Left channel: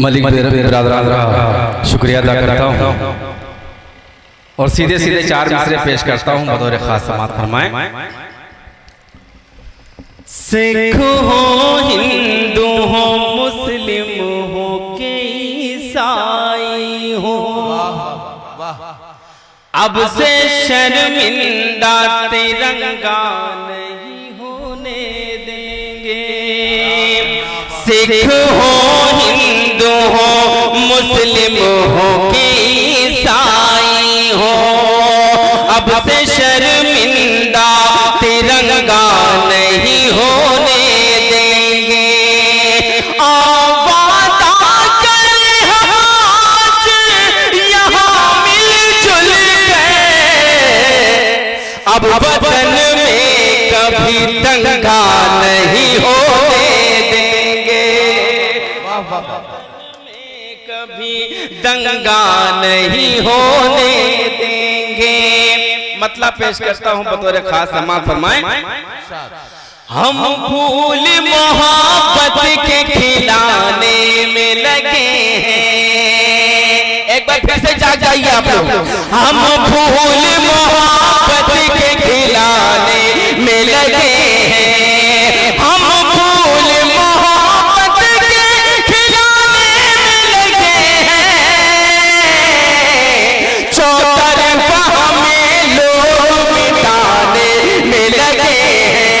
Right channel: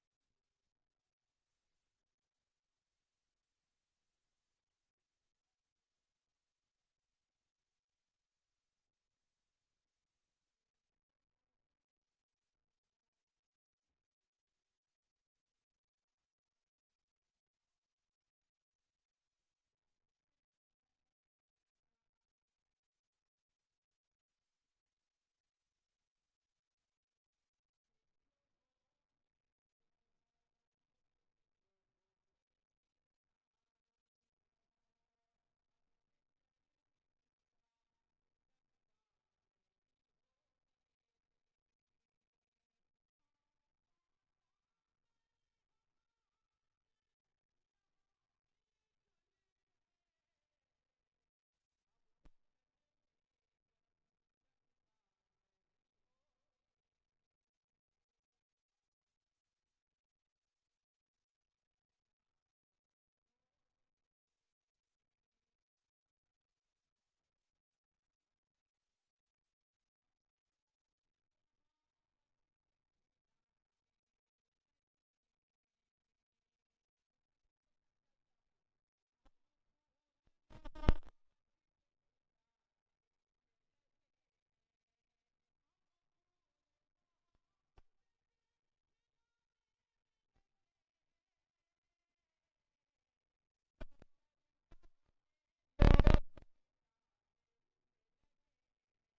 मलिक बिरादरान का शुक्रिया अदा करता हूँ और सीधे सीधे चार मिसरे पेश करता हूँ बतौर खास समात फरमाएं। सिख हो, हिंदू हो, मुस्लिम हो के ईसाई हो, अब से शर्मिंदा तिरंगा नहीं होने देंगे। सिख हो, हिंदू हो, मुस्लिम हो के ईसाई हो, अब से शर्मिंदा तिरंगा नहीं होने देंगे। वादा कर हम आज यहाँ मिलजुल गए, अब वतन में कभी दंगा नहीं होने देंगे। कभी दंगा नहीं होने देंगे। मतलब पेश करता हूँ बतौर खास समात फरमाएं। हम फूल मोहब्बत के खिलाने में लगे हैं। एक बार फिर से जाग जाइए आप लोग। हम फूल मोहब्बत के खिलाने में लगे हैं। हम फूल मोहब्बत के खिलाने में लगे हैं। चौतरफा हमें लोग मिटाने में लगे हैं।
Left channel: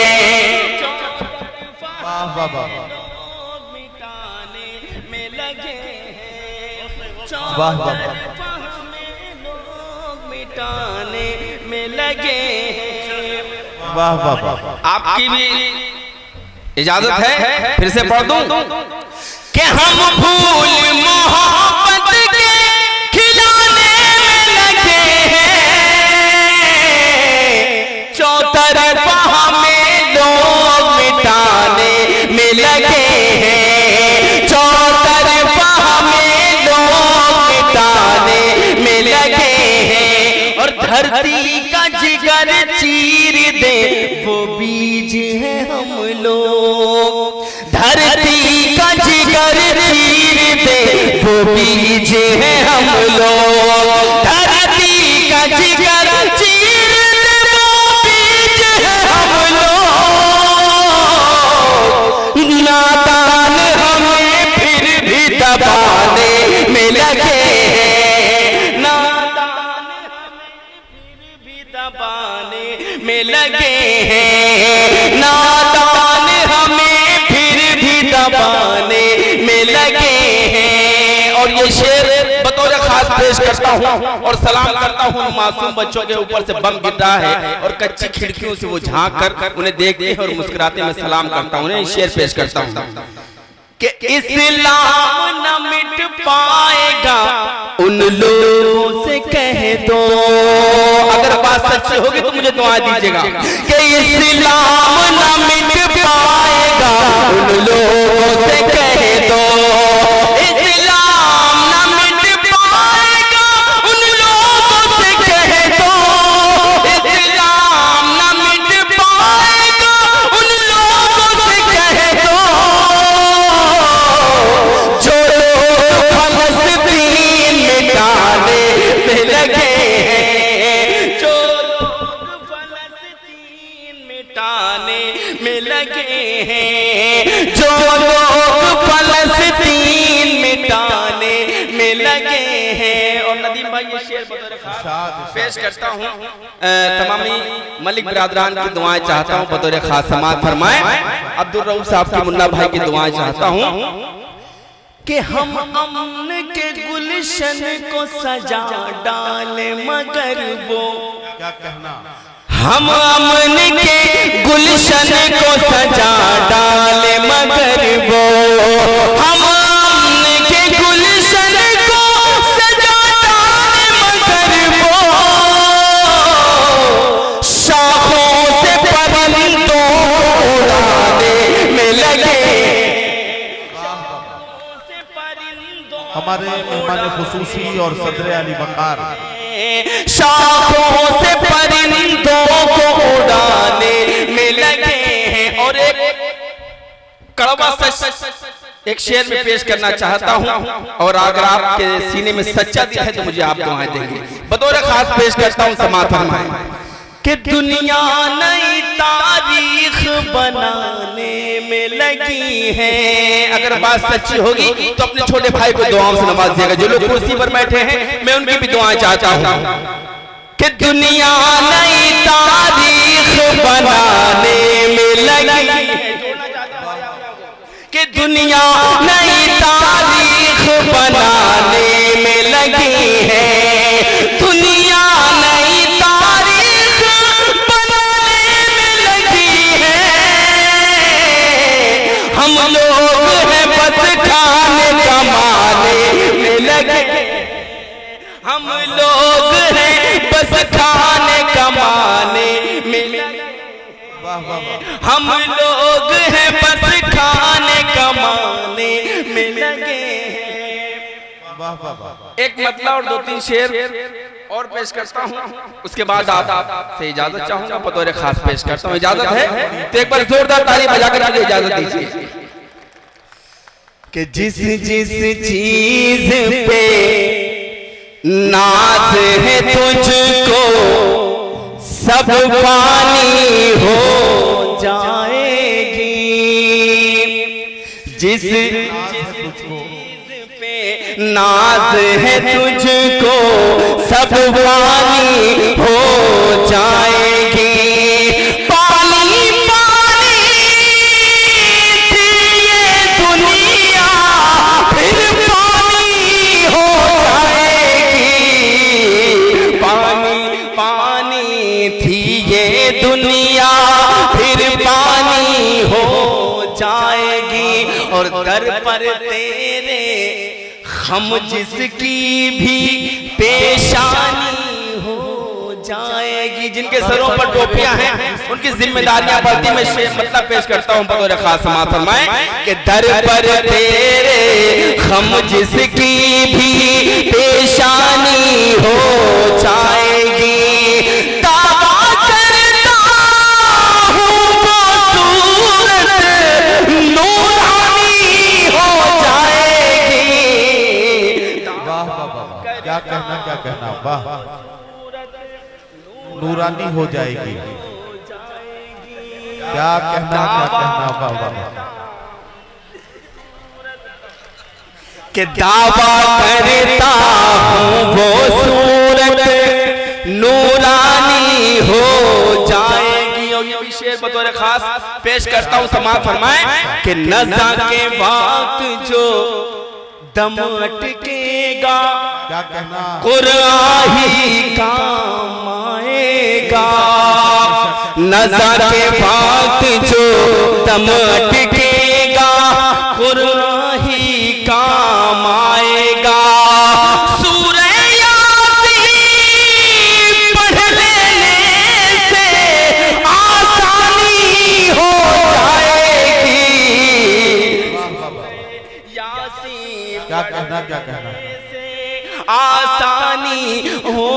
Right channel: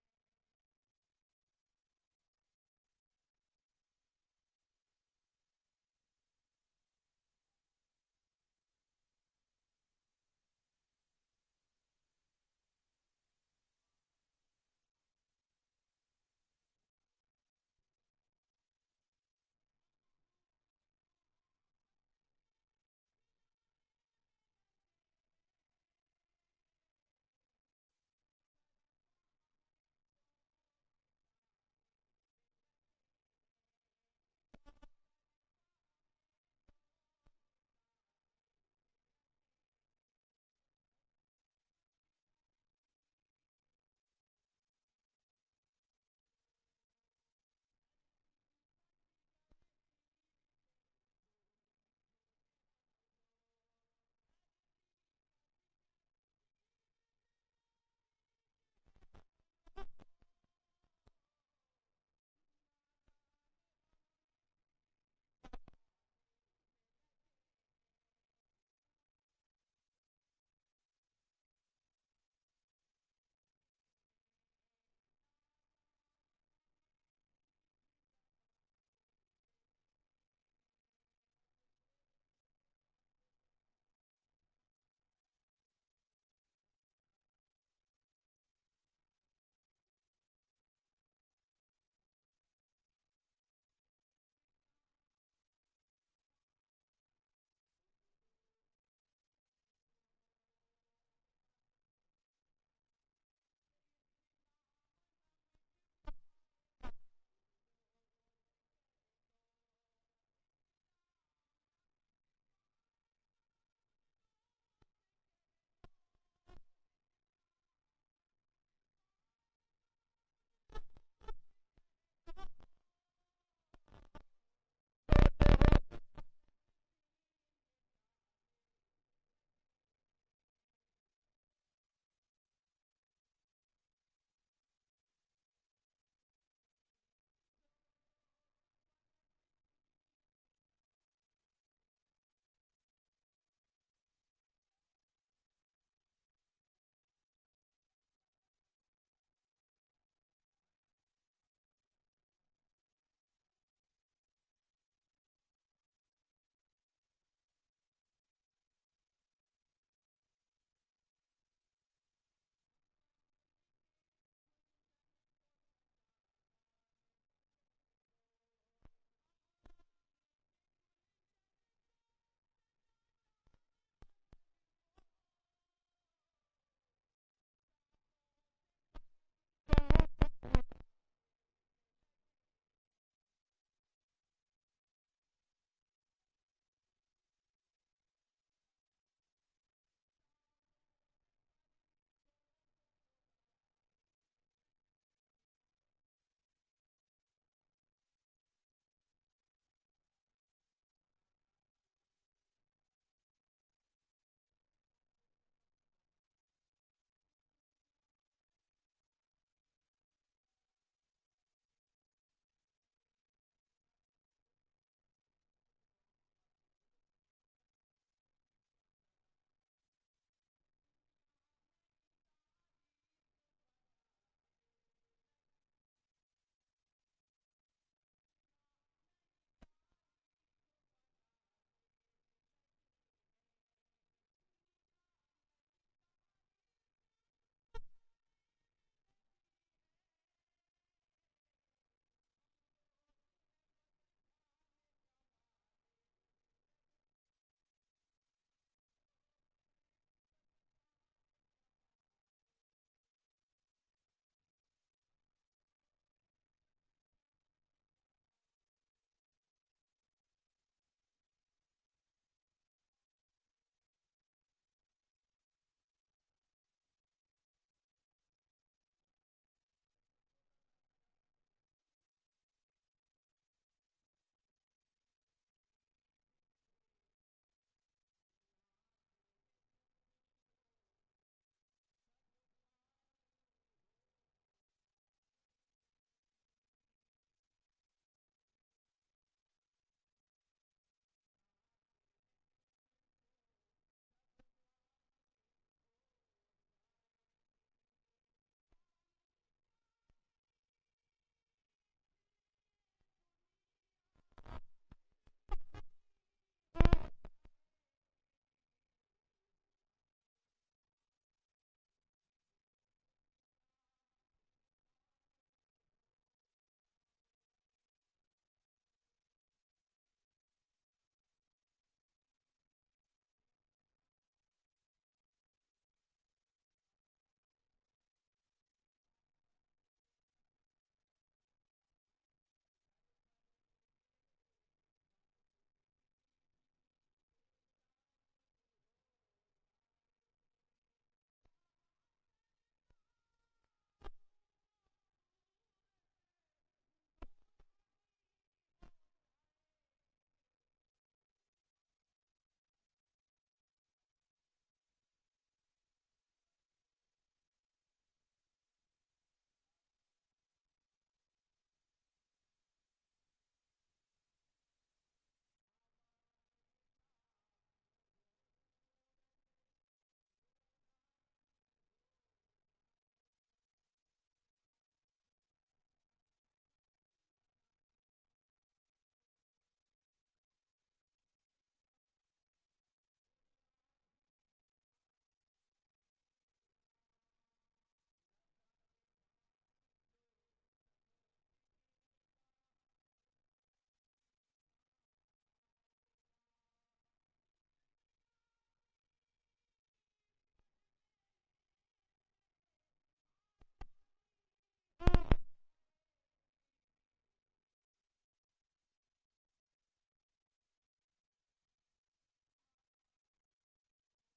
मिटाने में लगे हैं। चौतरफा हमें लोग मिटाने में लगे हैं। वाह वाह वाह। आपकी भी इजाजत है फिर से पढ़ दूं कि हम फूल मोहब्बत के खिलाने में लगे हैं। चौतरफा हमें लोग मिटाने में लगे हैं। चौतरफा हमें लोग मिटाने में लगे हैं। और धरती का जिगर चीर दे वो बीज है हम लोग। धरती का जिगर चीर दे वो बीज है हम लोग। धरती का जिगर चीर दे वो बीज है हम लोग। नादान हमें फिर भी दबाने में लगे हैं। नादान हमें फिर भी दबाने में लगे हैं। नादान हमें फिर भी दबाने में लगे हैं। और ये शेर बतौर खास पेश करता हूँ और सलाम करता हूँ मासूम बच्चों के ऊपर से बम गिर रहा है और कच्ची खिड़कियों से वो झांक कर उन्हें देखते हैं और मुस्कुराते में सलाम करता हूँ। शेर पेश करता हूँ कि इस्लाम न मिट पाएगा उन लोगों से कह दो। अगर बात सच्ची होगी तो मुझे दुआ दीजिएगा कि इस्लाम न मिट पाएगा उन लोगों से कह दो। इस्लाम न मिट पाएगा उन लोगों से कह दो। इस्लाम न मिट पाएगा उन लोगों से कह दो। जो लोग फलस्तीन मिटाने में लगे हैं। जो लोग फलस्तीन मिटाने में लगे हैं। जो लोग फलस्तीन मिटाने में लगे हैं। और नदीम भाई ये शेर बतौर खास पेश करता हूँ। तमामी मलिक बिरादरान की दुआएं चाहता हूँ बतौर खास समात फरमाएं। अब्दुल रऊफ साहब की मुन्ना भाई की दुआएं चाहता हूँ कि हम अमन के गुलशन को सजा डाले मगर वो क्या कहना। हम अमन के गुलशन को सजा डाले मगर वो। हम अमन के गुलशन को सजा डाले मगर वो। शाखों से परिंदों को उड़ाने में लगे। हमारे मेहमान खुसूसी और सदर अली बकार शाखों से परिंदों को उड़ाने में लगे हैं। और एक कड़वा सच एक शेर में पेश करना चाहता हूं और अगर आपके सीने में सच्चा दिल है तो मुझे आप दुआएं देंगे। बतौर खास पेश करता हूं, समाअत फरमाएं कि दुनिया नई तारीख बनाने में लगी है। अगर बात सच्ची होगी तो अपने छोटे भाई को दुआओं से नवाज देगा। जो लोग कुर्सी पर बैठे हैं मैं उनकी भी दुआएं चाहता हूं कि दुनिया नई तारीख बनाने में लगी है, कि दुनिया नई तारीख बनाने में लगी है। दुनिया नई तारीख बनाने में लगी है। हम लोग हैं बस खाने कमाने में लगे। हम लोग हैं बस खाने कमाने में लगे। हम लोग हैं बस खाने कमाने में लगे हैं। एक मतलब और दो तीन शेर और पेश करता हूँ, उसके बाद आप से इजाजत चाहूंगा। बतौर खास पेश करता हूँ, इजाजत है तो एक बार जोरदार ताली बजाकर मुझे इजाजत दीजिए कि जिस जिस चीज पे नाज है तुझको सब पानी हो जाएगी। जिस चीज पे नाज है तुझको सब पानी हो जाएगी। पानी पानी थी ये दुनिया फिर पानी हो जाएगी। पानी पानी थी ये दुनिया फिर पानी हो जाएगी। और दर पर तेरे हम जिसकी भी पेशानी हो जाएगी। जिनके सरों पर टोपियां हैं उनकी जिम्मेदारियां बढ़ती। मैं मतलब पेश करता हूं बतौर खास, समाअत फरमाएं कि दर पर तेरे हम जिसकी भी पेशानी हो जाएगी। क्या कहना, वाह, नूरानी हो जाएगी। क्या कहना, वाह वाह। कि दावा करता हूँ वो सूरत नूरानी हो जाएगी। और ये शेर बतौर खास पेश करता हूँ, समाअत फरमाएं कि नज़ा के वक्त जो दम अटकेगा क्या कहना, कुरान ही काम आएगा। नज़र के वक्त जो दम अटकेगा कुरान ही काम आएगा। सूरह यासीन पढ़ लेने से आसानी हो जाएगी। यासीन क्या कहना, क्या कहना, आसानी हो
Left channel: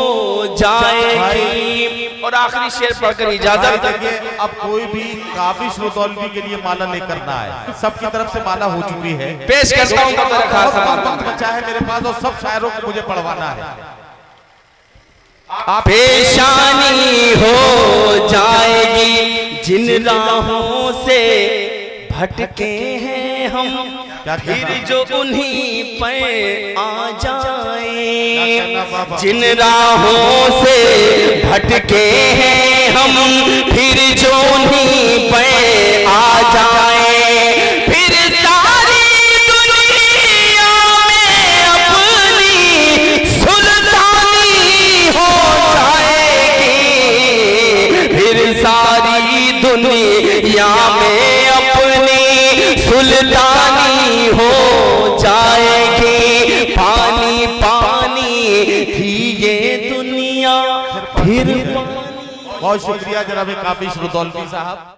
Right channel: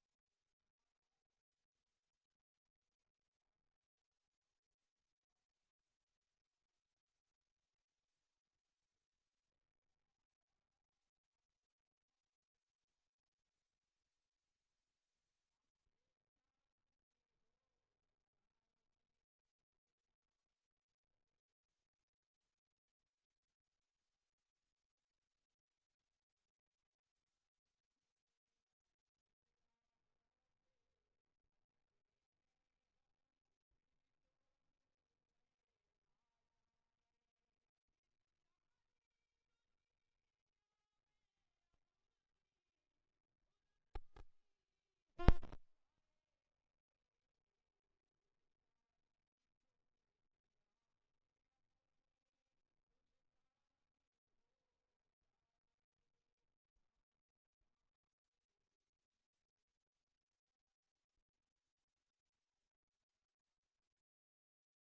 जाएगी। और आखिरी शेर पढ़कर इजाजत देंगे। अब कोई भी काबिश रुदौलवी के लिए माला लेकर ना आए, सबकी तरफ से माला हो चुकी है। पेश करता हूं वक्त बचा है मेरे पास और सब शायरों को मुझे पढ़वाना है। पेशानी हो जाएगी जिन राहों से भटके हैं हम, फिर जो उन्हीं पर आ जाए। जिन राहों से भटके हैं हम, फिर जो उन्हीं पर आ जाए। फिर सारी दुनिया में अपनी सुल्तानी हो जाएगी। फिर सारी दुनिया में अपनी सुल्तानी हो जाएगी। पानी पानी थी ये दुनिया फिर। बहुत शुक्रिया जनाब काबिश रुदौलवी साहब।